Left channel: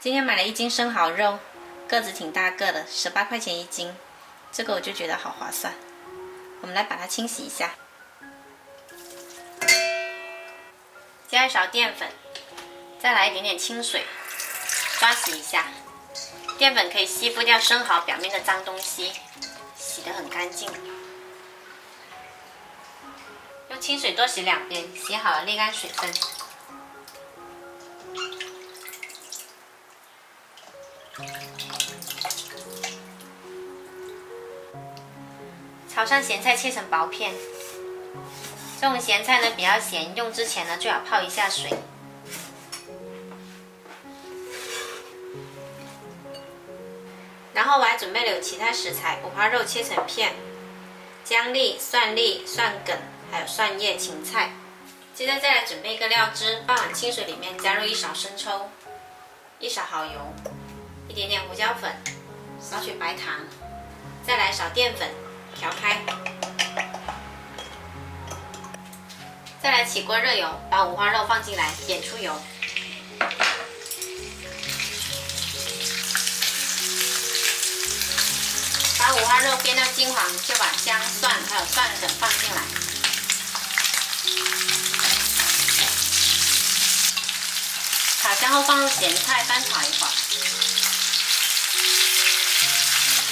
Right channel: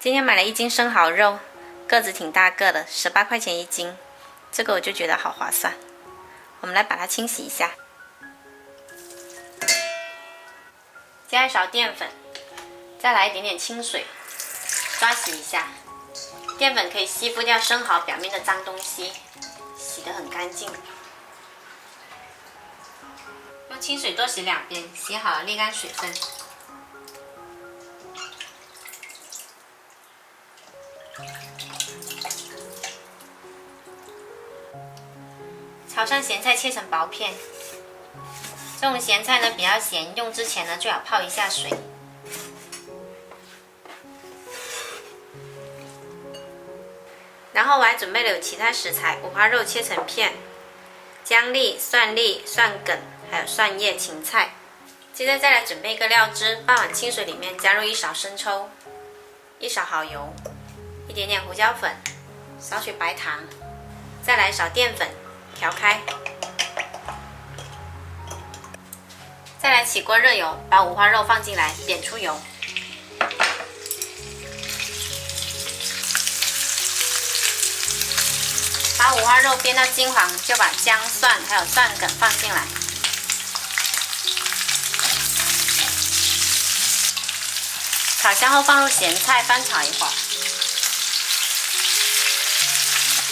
今天买了1斤生蚝肉，个子挺大个的，18块钱1斤，这个我就觉得好划算。我们来把它清洗一下，加1勺淀粉，再来一点点清水，刷洗一下。淀粉可以吸附掉生蚝表面的脏东西，洗得很干净。用清水多洗2遍，洗好了沥干水分。炒上咸菜切成薄片。这种咸菜呢比较咸，用之前呢最好泡一下水。然后我还准备了有其他食材，五花肉切成片，姜粒、蒜粒、蒜梗，还有蒜叶、芹菜。接着再来准备一个料汁，半碗清水里面加入1勺生抽、1勺蚝油、一点点胡椒粉、少许白糖，再来1勺淀粉，调开。再来起锅热油，把五花肉放进来，煸出油。把五花肉煸到金黄，就把姜、蒜还有蒜梗放进来。炒香后放入咸菜，翻炒一会儿。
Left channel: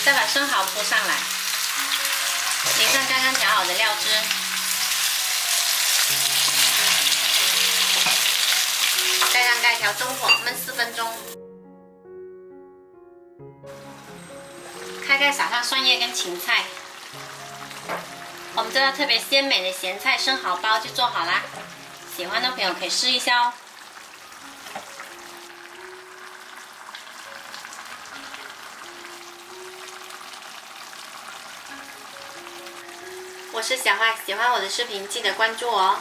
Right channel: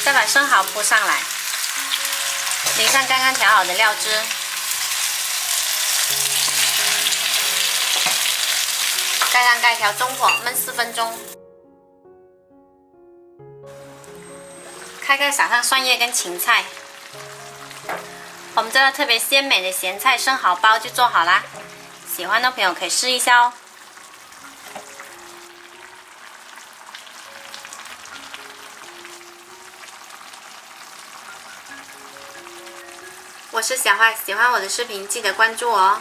再把生蚝铺上来，淋上刚刚调好的料汁。盖上盖，调中火焖4分钟。开盖撒上蒜叶跟芹菜，我们这个特别鲜美的咸菜生蚝包就做好啦。喜欢的朋友可以试一下哦。我是小花，喜欢我的视频记得关注我哦。